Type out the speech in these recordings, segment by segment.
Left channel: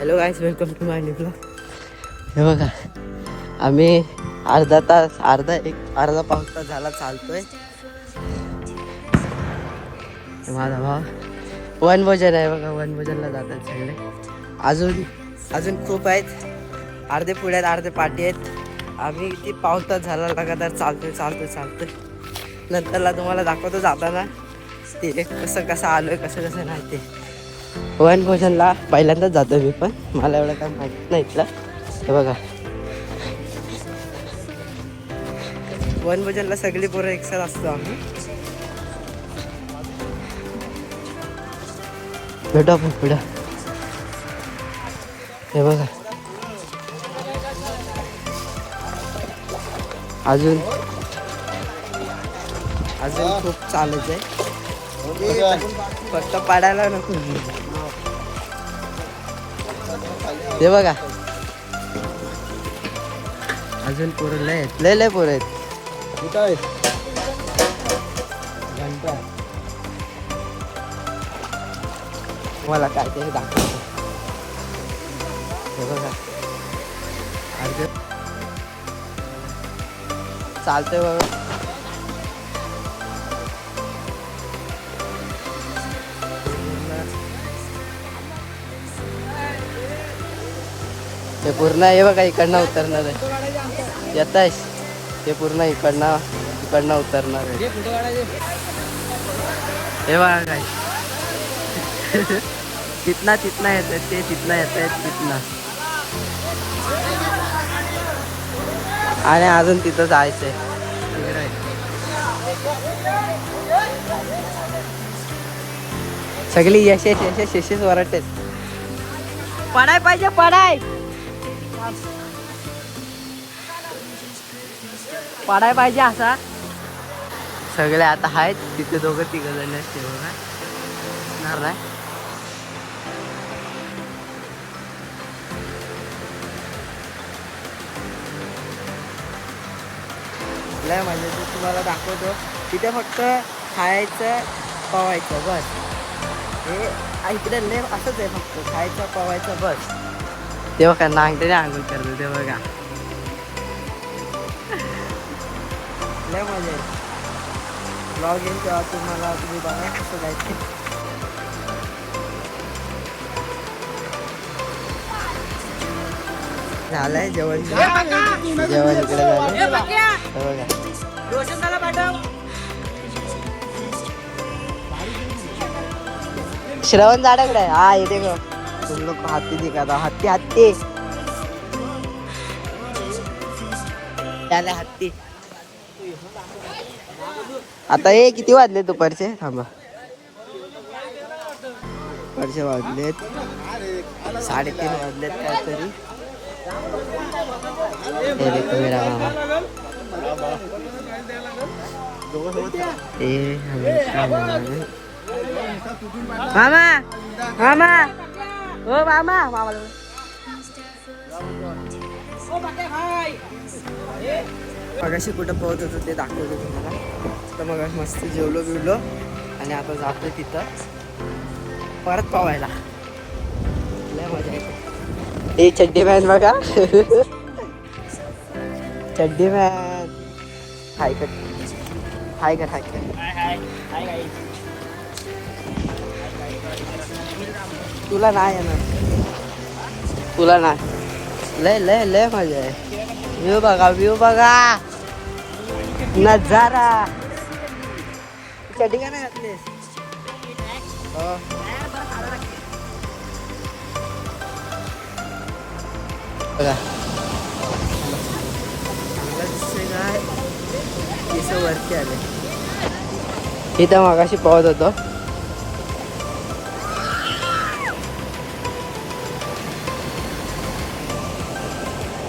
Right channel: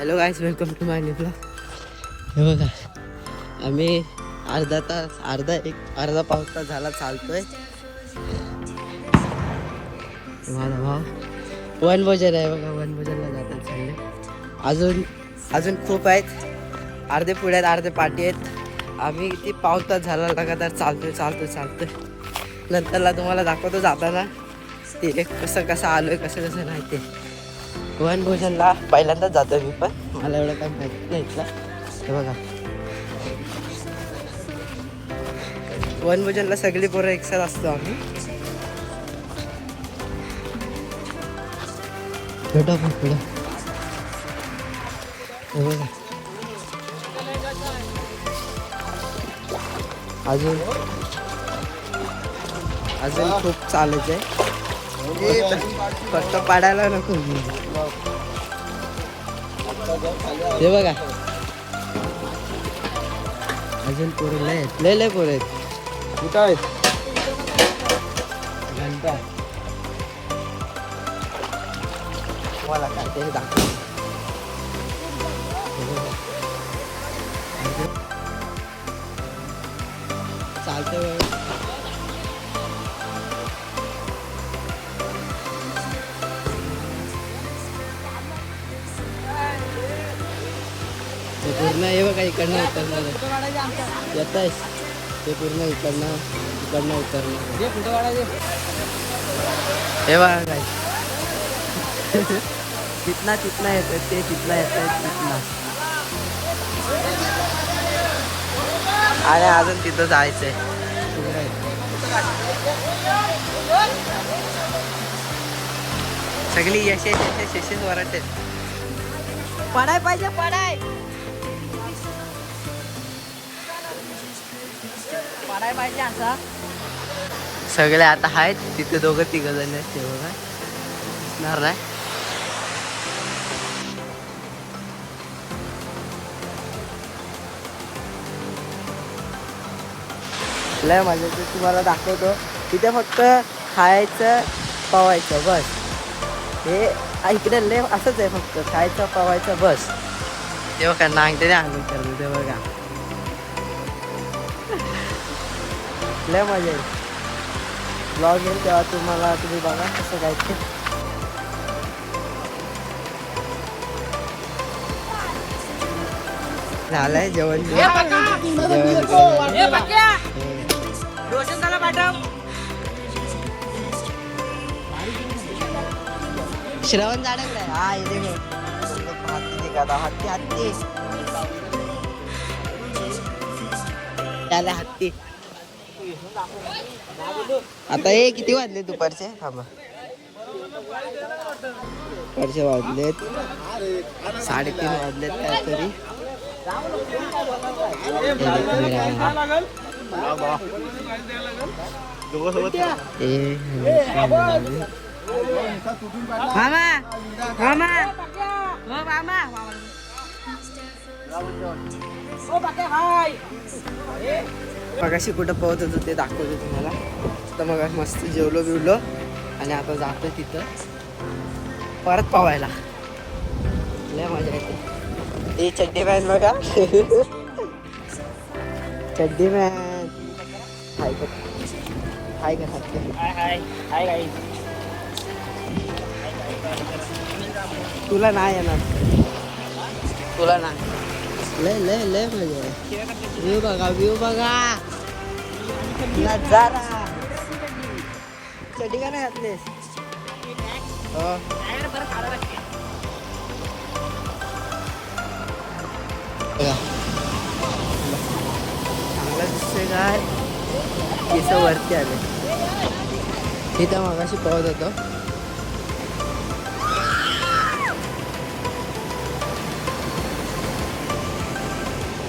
Hello guys welcome to my blog हे बघा आम्ही अर्धा तास अर्धा एक अर्धा पाऊस तास झाला चालतोय. माझा भाव वन भोजन आहे बघा वन भोजनला जातात सगळे. अजून अजून खूप आहेत. अर्धे पुढे आहेत अर्धे पाठी आहेत. आम्ही किती पाऊस तास झाला लगातार चालतोय चालतोय चालतोय. नंतरला तुम्हाला दाखवतो जाताना. ते कसं कसं आलोय कसं कसं नाही ते. वन भोजनला पहिल्यांदाच जातो मी पण. मला एवढं काय माहीत नाही इथलं. हे बघा. वन भोजनला सगळी पोरं एकसाथ असतो आम्ही. भेटू आपण पुढं हे बघा. अजून अजून खूप चालायचं आहे. फक्त पाडायला नको. हे बघा. अजून पोरं लय आहेत. लय लय पोरं आहेत. कुठं आहेत? घंटा. मला काय तरी दाखव. हे बघा. ते पूर्ण हे बघा इकडनं उतरणार आहे येत ते पूर्ण इकडनं इकडनं उतरणार आहे हे बघा काय तिथना तिथना येत आहेत ते तिथला येत आहेत तिथना आणि अजून तिथं जायचंय तिकडे आहे. सगळी यशेस यशेस यशेस वरच आहेत पडाय पाहिजे पडाय पडाय पाहिजे असा. सगळे आता आहेत तिथे दोघं तिघ जण आहेत ते बघा. नाही. लय मजा येते तुम्हाला दाखवतो. तिथे फक्त खायचं पवायचं बस. हे इकडे लय असंच आहे फक्त खायचं पवायचं बस. ते बघा नांगटे आंघोळ करतो ते बघा. लय मजा येईल. ब्लॉग येईल तेव्हा तुम्हाला तुम्ही बघा कसं काय ते. झालंय जेवण. जेवण. हे. श्रवण झाडाकडे. आहे हा येते. हत्ती हत्ती त्याला हत्ती आता हे किती वाजले दुपारचे? थांबा दुपारचे वाजलेत. साडेतीन वाजलेत काहीतरी. हे देखो मेरा मामा. ए मामा. मामा. ओ मामा. मामा मगाशी कुठं पोहत होतो ते दाखवतो तुम्हाला. तर मग मस्त जेवलो बिवलो आणि आता जातोय तिथं. परत पावायला लय मजा येते. ए चड्डी मॅन बघा. चड्डी मॅन हाय कर. हाय कर हाय तुला नाही येणार. तुला नाही. लय लय लय मजा आहे. व्ह्यू बघा व्ह्यू बघा. नजारा. चड्डी का नाही चांगला दिसतोय काय केस वरती आले. इथं मगाशी पाहत होतो.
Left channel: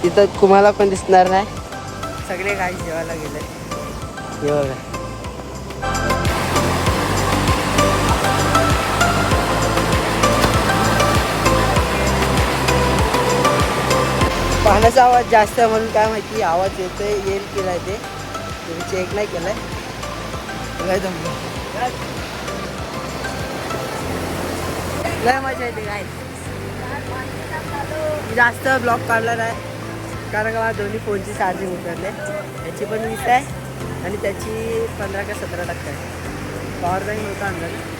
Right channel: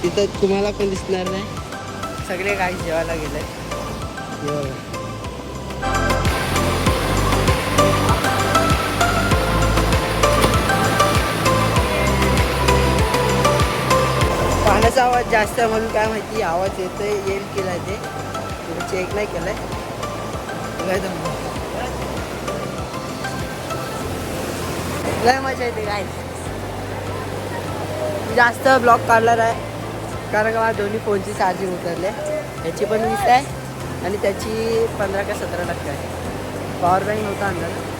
तिथं तुम्हाला पण दिसणार नाही. सगळे काही जेवायला गेले हे पाण्याचा आवाज जास्त म्हणून काय माहिती आवाज येतोय येईल केलाय ते. तुम्ही चेक नाही केलाय. काय जमलं लय मजा येते काय मी जास्त ब्लॉग काढला नाही कारण का मला दोन्ही फोनची चार्जिंग उतरले. याची पण वीस आहे. आणि त्याची पंधरा का सतरा टक्के आहे. पॉवर बँक नव्हता आणला ना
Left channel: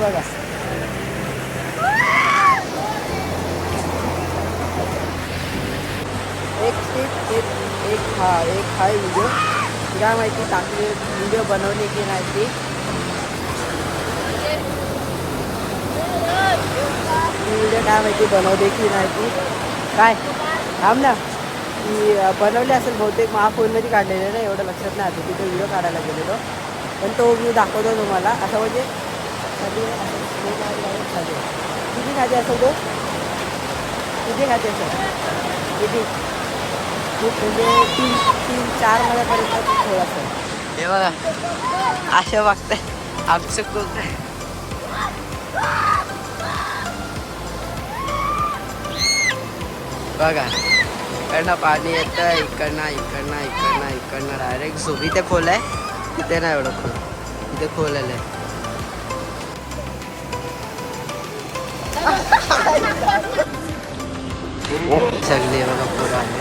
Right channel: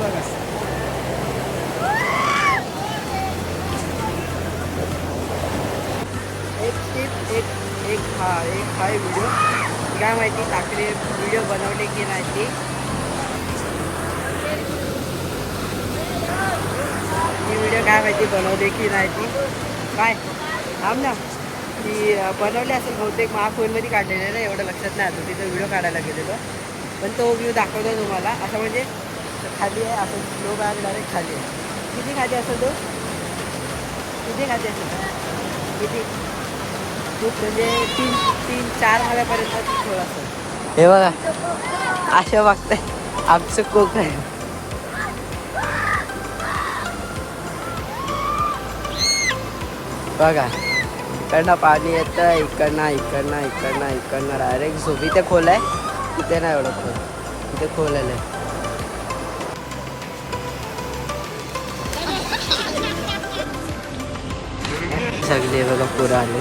बघा. एक टिप एक एक हा एक हाय व्हिडिओ काय माहिती टाकले व्हिडिओ बनवले की नाही ती? ती व्हिडिओ काय माहिती बनवले की नाही ती? काय? थांब ना. ती बनवली असेल बहुतेक महाफोनमध्ये फोनमध्ये ना एवढं लक्षात नाही आलं. तिथं व्हिडिओ काढायला गेलेलो. पण तो व्ह्यू दाखवतो तुम्हाला. असं म्हणजे खाली आहे असं स्लो डायरेक्ट खाली आहे. किती खाली असेल तो? किती खाली असेल? किती? खूप म्हणजे तीन तीन चार महिन्यापर्यंत ती खोल असेल. हे बघा. अशा बघताय. आमचं खूप बघा. इकडनं पाणी येतं इकडनं इकडनं इकडनं इकडनं. डायरेक्ट झोप. इथे खोल आहे? तिथे नाही एवढं खोल. इथे खोल आलंय सगळे बघा पुरं आले.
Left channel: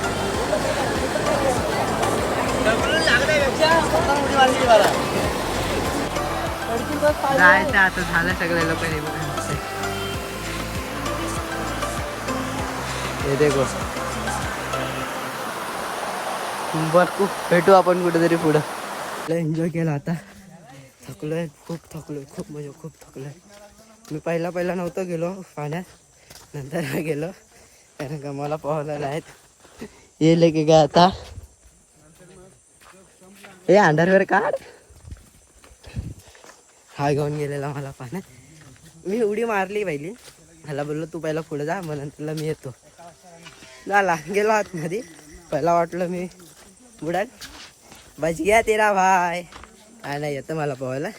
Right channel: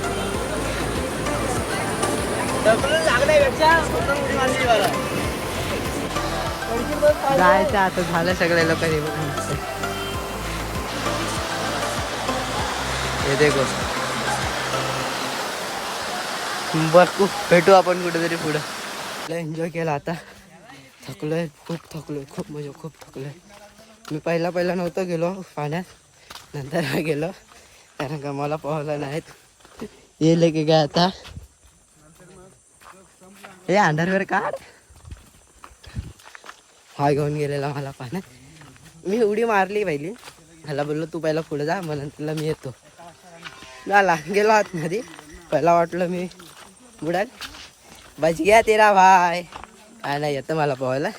जायचं आता झालं सगळे लोक हे बघा हे देखो. बघू भेटू आपण कुठेतरी पुढं. एन्जॉय केला आता. थकलोय खूप थकलोय खूप म्हणजे खूप थकलोय. मी पहिला पहिला नव्हतो गेलो पाण्यात नंतर गेलो कारण का मला पोहायला नाहीत. येले की काय आता? हे अंडरवेअर काढ. हा घेऊन गेलेला मला पाण्यात. मी उडी मारली पहिली. ह्याला बोललो तू पहिला पुढे जा मग नंतरला मी येतो. झाला गेलो आतमध्ये. पहिला वाटलं मी बुडाल. बच गया तेरा भाय. काय नाही येतं मला पोहायला.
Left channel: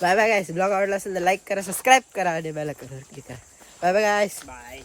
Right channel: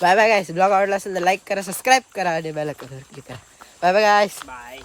बाय बाय गायस ब्लॉग आवडला असेल तर लाईक करा सबस्क्राईब करा आणि बेल क्लिक करा. Bye bye guys bye